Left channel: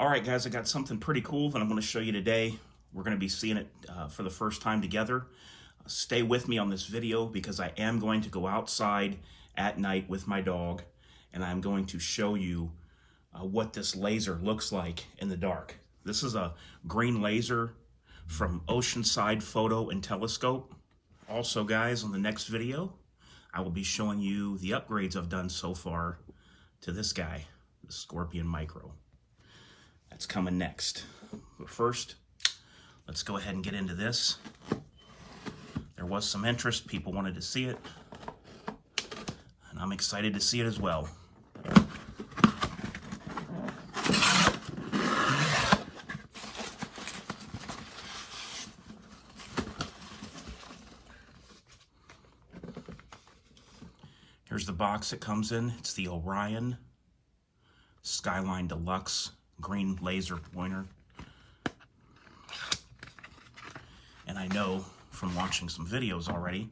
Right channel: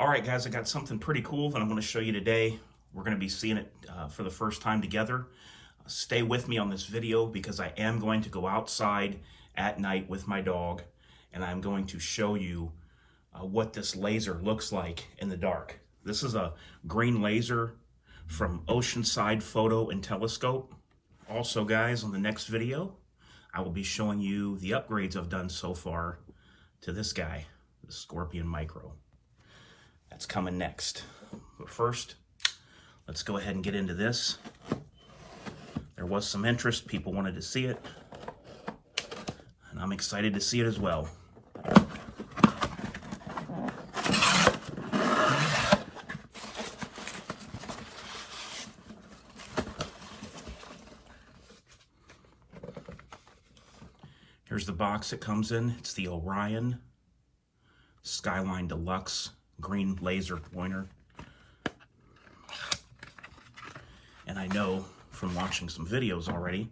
All right, guys, I got something pretty cool that I'm going to show you today. We're going to be seeing it for the first time together. Stay with me on this video because I am going to go outside at night with my dog, and I'm going to show you what this laser looks like in the dark. This is a green laser from Oceanside Photo and Telescope. Also, guys, on the next video, I will be showing you the upgrades I've done so far to this guy, the Scorpion Micro. That's coming next. But first, let's go ahead and get into this. There was some interest, people wanted to see it, and I'm excited to see it as well. Here's the box it comes in. It's the Orion Skyline Deluxe green laser pointer. And I know from watching some videos already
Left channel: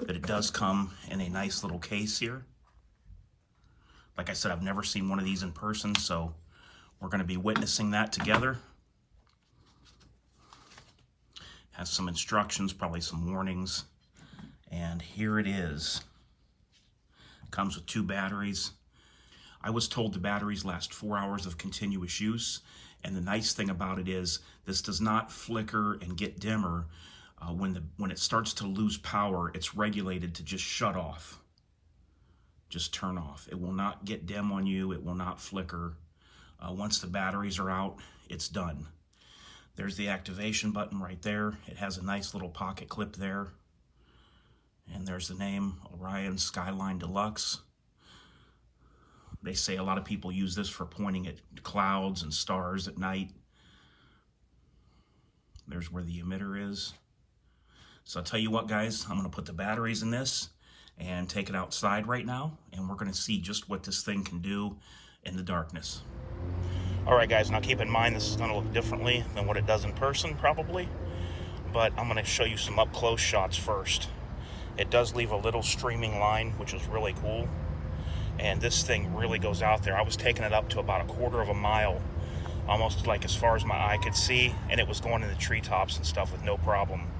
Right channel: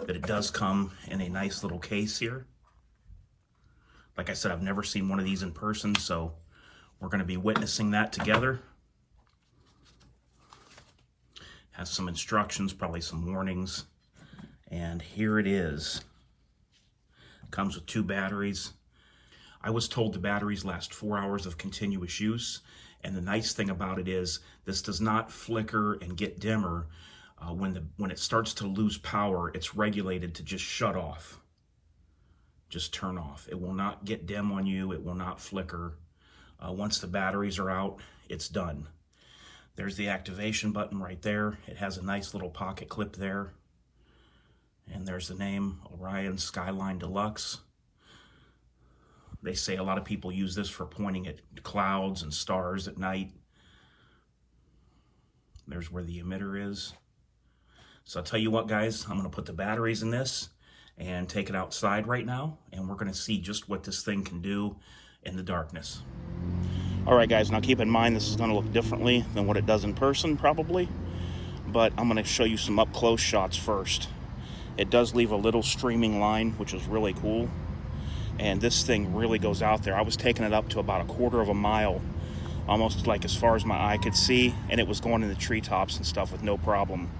that it does come in a nice little case here. Like I said, I've never seen one of these in person, so we're going to be witnessing that together. Has some instructions, probably some warnings, and here it is. Comes with 2 batteries. I was told the batteries last 4 hours of continuous use, and the nice thing about it is this does not flicker and get dimmer. When it starts to lose power, it's regulated to just shut off, just turn off. It will not get dim on you. It will not flicker. Once the batteries are out, it's done. There's the activation button right there. It has a nice little pocket clip there. And there's the name, Orion Skyline Deluxe. They say a lot of people use this for pointing at clouds and stars at night. There's where the emitter is. So I'll tell you what, guys, I'm going to put the batteries in this and take it outside right now, and we're going to see just what this thing can do in the darkness. All right, guys, now keep in mind this is going to look differently than what it does in person, probably, but I'm going to show you some up-close shots first. It does leave a little streaming line, which is really cool. And this thing really goes out there. I was taking it up to about 1/4 of a mile, almost like as far as my eye could see, and it was going in the treetops and stuff with no problem.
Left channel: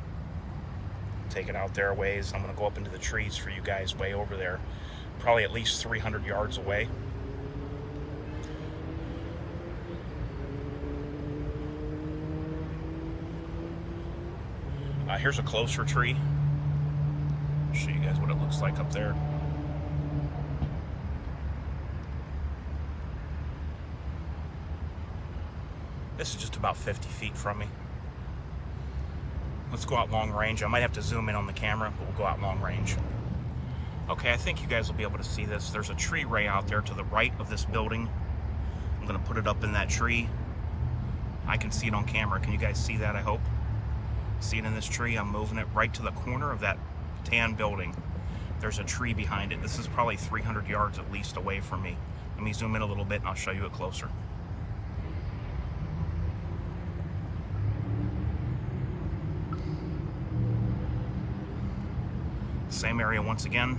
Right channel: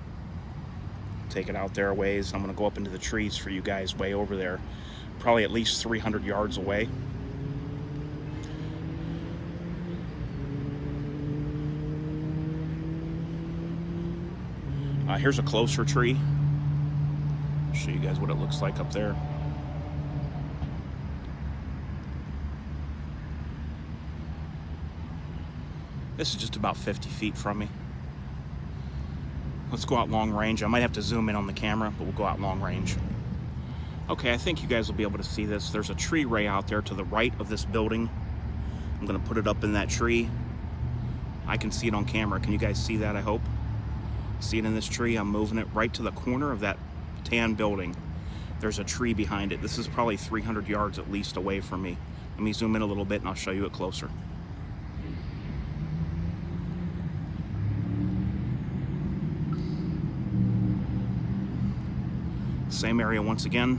Take it out there a ways, and I'm gonna go up into the trees for you guys way over there, probably at least 300 yards away. Here's a closer tree. Show you guys what it looks like up there. This is just about 50 feet from me. Let's go out long range. I might have to zoom in on the camera, but we'll go out long range. Okay, I think you guys will be able to see this. There's a tree ray out there to the right of this building. I'm gonna put it up in that tree. I can see it on camera. Can you guys see that, I hope? See it in this tree? I'm moving it right to the corner of that tan building. There's a tree behind it. This is probably 300 yards at least away from me. Let me zoom in a little bit and I'll show you it closer. Same area once again.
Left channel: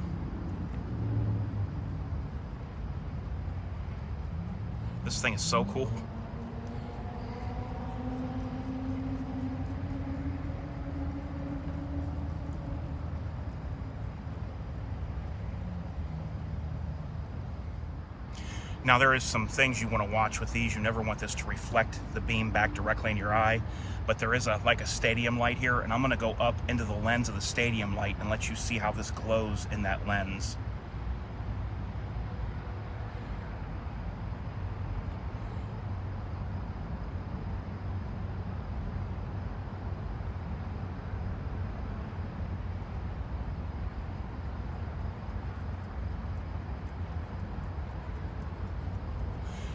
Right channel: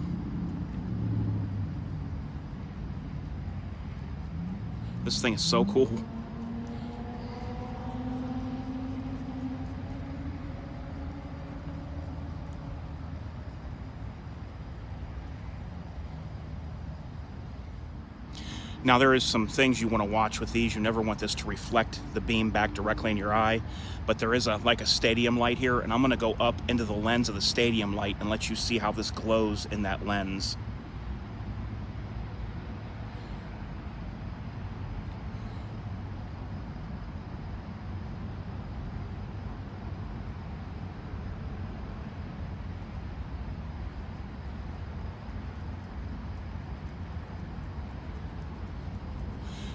This thing is so cool. Now there is some things you want to watch with these. You never want this to reflect the beam back directly in your eye, but there is like a stadium light here, and I'm going to go up into the lens of the stadium light and let you see how this glows in that lens.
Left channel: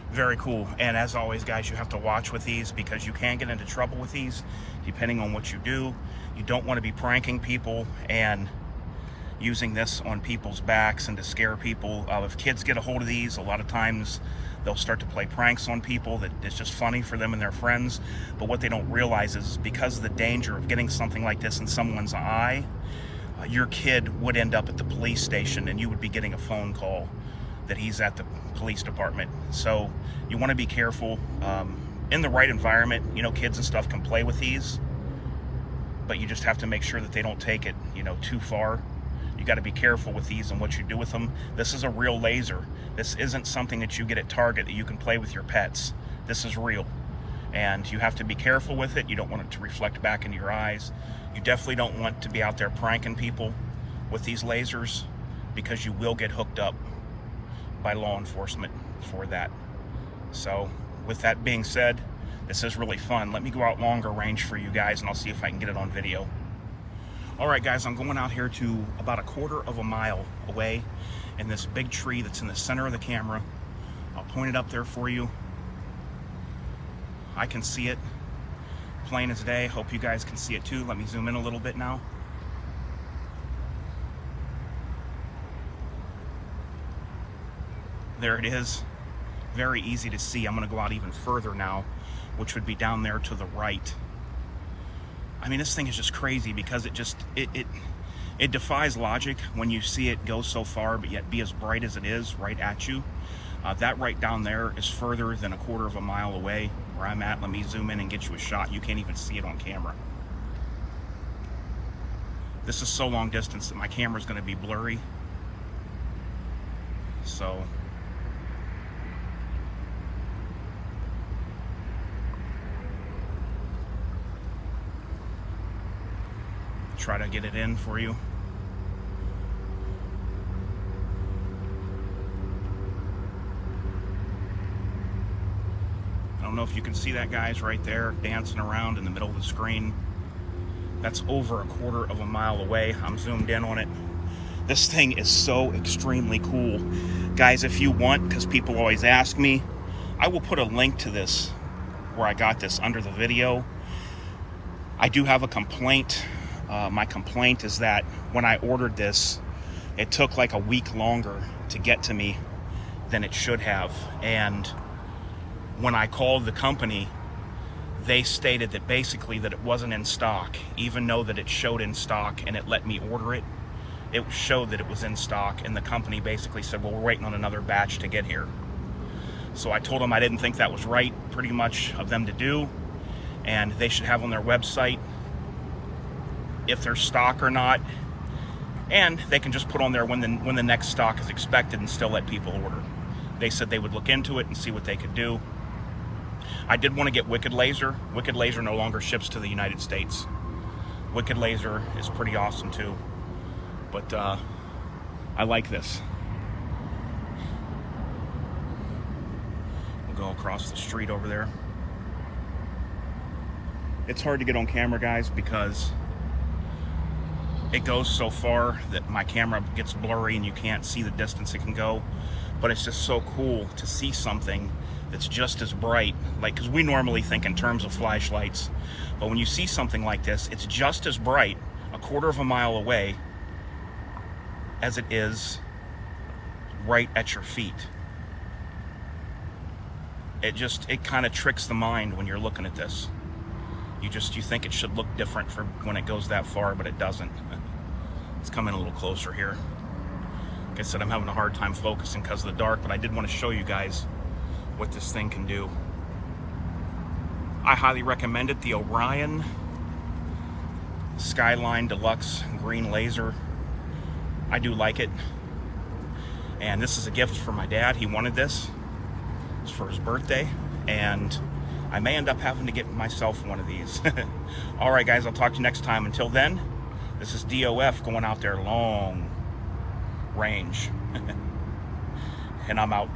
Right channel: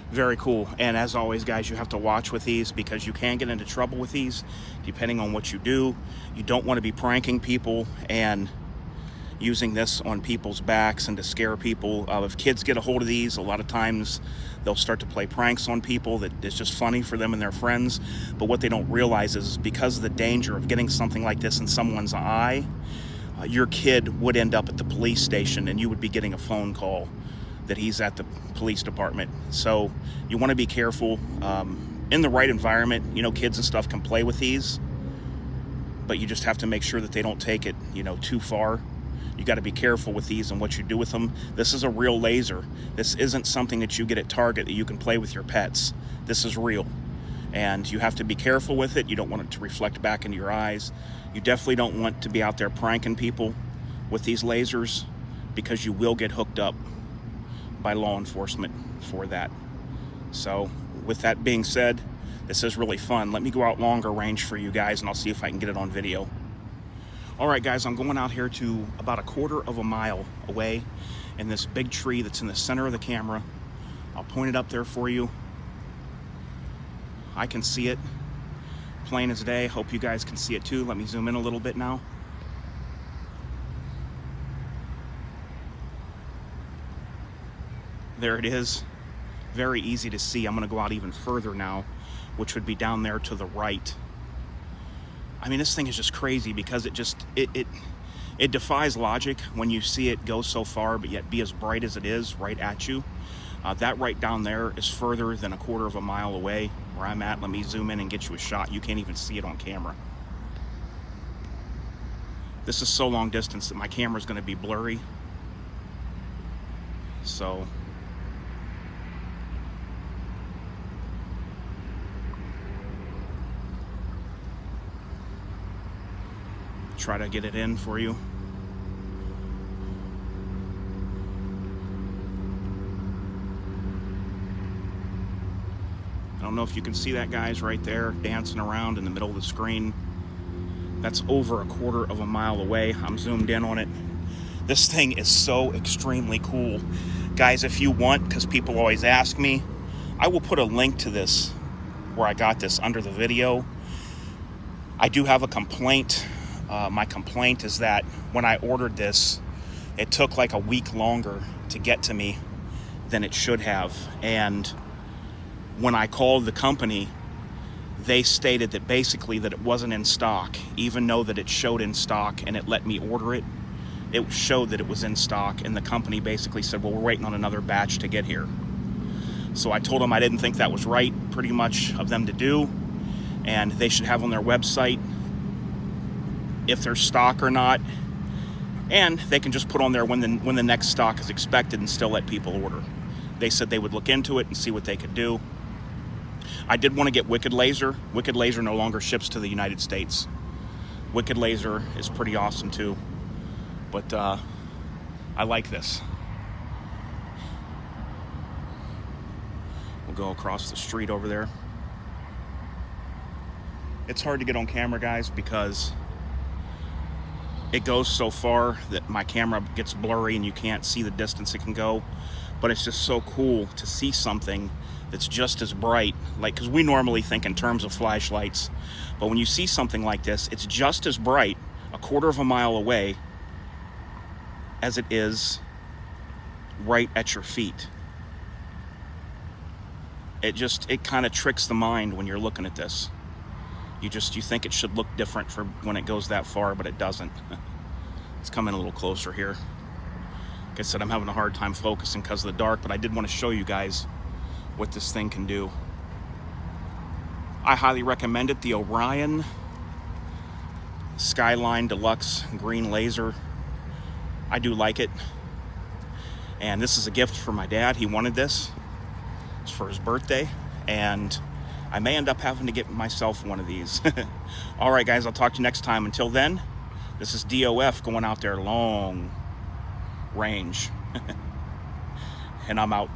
Very cool. And as always, guys, you have to watch with these because you can get into trouble with these depending on what you do. You don't want to be pranking people and using this on people's backs and to scare people. If kids get a hold of these, a lot of times they'll start to play pranks on people that it's just funny for them and their friends. But what they don't realize is because of the danger of getting something like this in someone's eye, your kid would end up at the police station and you would be getting a phone call. that he's at the police department. So you want to be careful. In the right environment, you know, kids and stuff can play with these, but you just have to make sure that they don't take it, you know, too far. You got to be careful with these and what you do with them. This is a real laser. This isn't something that you get at Target that you can play with your pets. This is real, and you have to be careful with it. You don't want it to reflect back into your eyes. You definitely don't want to be out there pranking people with these lasers, because you will get hooked up by law enforcement for that. So with that being said, this is really fun. Let me go out longer range for you guys, and I'll see if I can get it on video. All right, guys, I'm going out here to about 1/4 of a mile away in this big tree that's in the center of the camera. I'll point it up there for you. I can see it plain as day. Hope you guys can see it too. Let me zoom in a little bit now. There it is. Very easy to see. I'm going to go out even further now, which would be down there to the right. I mean, this thing is just crazy, because it defies logic when you see it go so far but yet be as bright as it is right at you. That right down there is further than 1/4 of a mile away where I'm at. Let me zoom in and get you a shot. You can't even see it on camera. This is so long distance that my camera is going to be blurry. So try to get it in for you. I don't know if you can see that, guys, right there dancing around in the middle of the screen. That's over 1/4 of a mile away. I'm zoomed in on it. This thing is so extremely cool. Guys, if you want, because people always ask me, I will put a link to this where I got this under the video. I do have a complaint. My complaint is that when I ordered this, it took like a week longer to get to me than it should have. And when I called the company, they stated that basically that it wasn't in stock, even though that it showed in stock and it let me order it. It showed that it was in stock, and the company basically said, well, we're waiting on another batch to get here. So I told them I didn't think that was right, pretty much, of them to do, and they should have on their website if there's stock or not, and they can just put on there when the next stock is expected and still let people order. They said they would look into it and see what they could do. I did want to get Wicked Laser. Wicked Laser no longer ships to the United States. Wicked Laser is pretty awesome too, but I like this. We'll go across the street over there. It's hard to get on camera, guys, because it goes so far that my camera gets blurry and you can't see the distance it can go. But it's just so cool to see something that's just as bright, like, because we normally think in terms of flashlights, but when you see something like this, it's just as bright 1/4 of a mile away as it is right at your feet. It kind of tricks the mind when you're looking at this. You think it should look different for when it goes that far, but it doesn't. Let's come in a little closer here. Like I said, I'm having a hard time focusing because of the dark, but I did want to show you guys what this thing can do. I highly recommend it. The Orion Skyline Deluxe green laser. I do like it. And this is a gift for my dad. He wanted this. It's for his birthday, and I may end up having to get myself one of these. All right, guys, I'll talk to you next time. Until then, this is DOF going out there long range. And I'm out.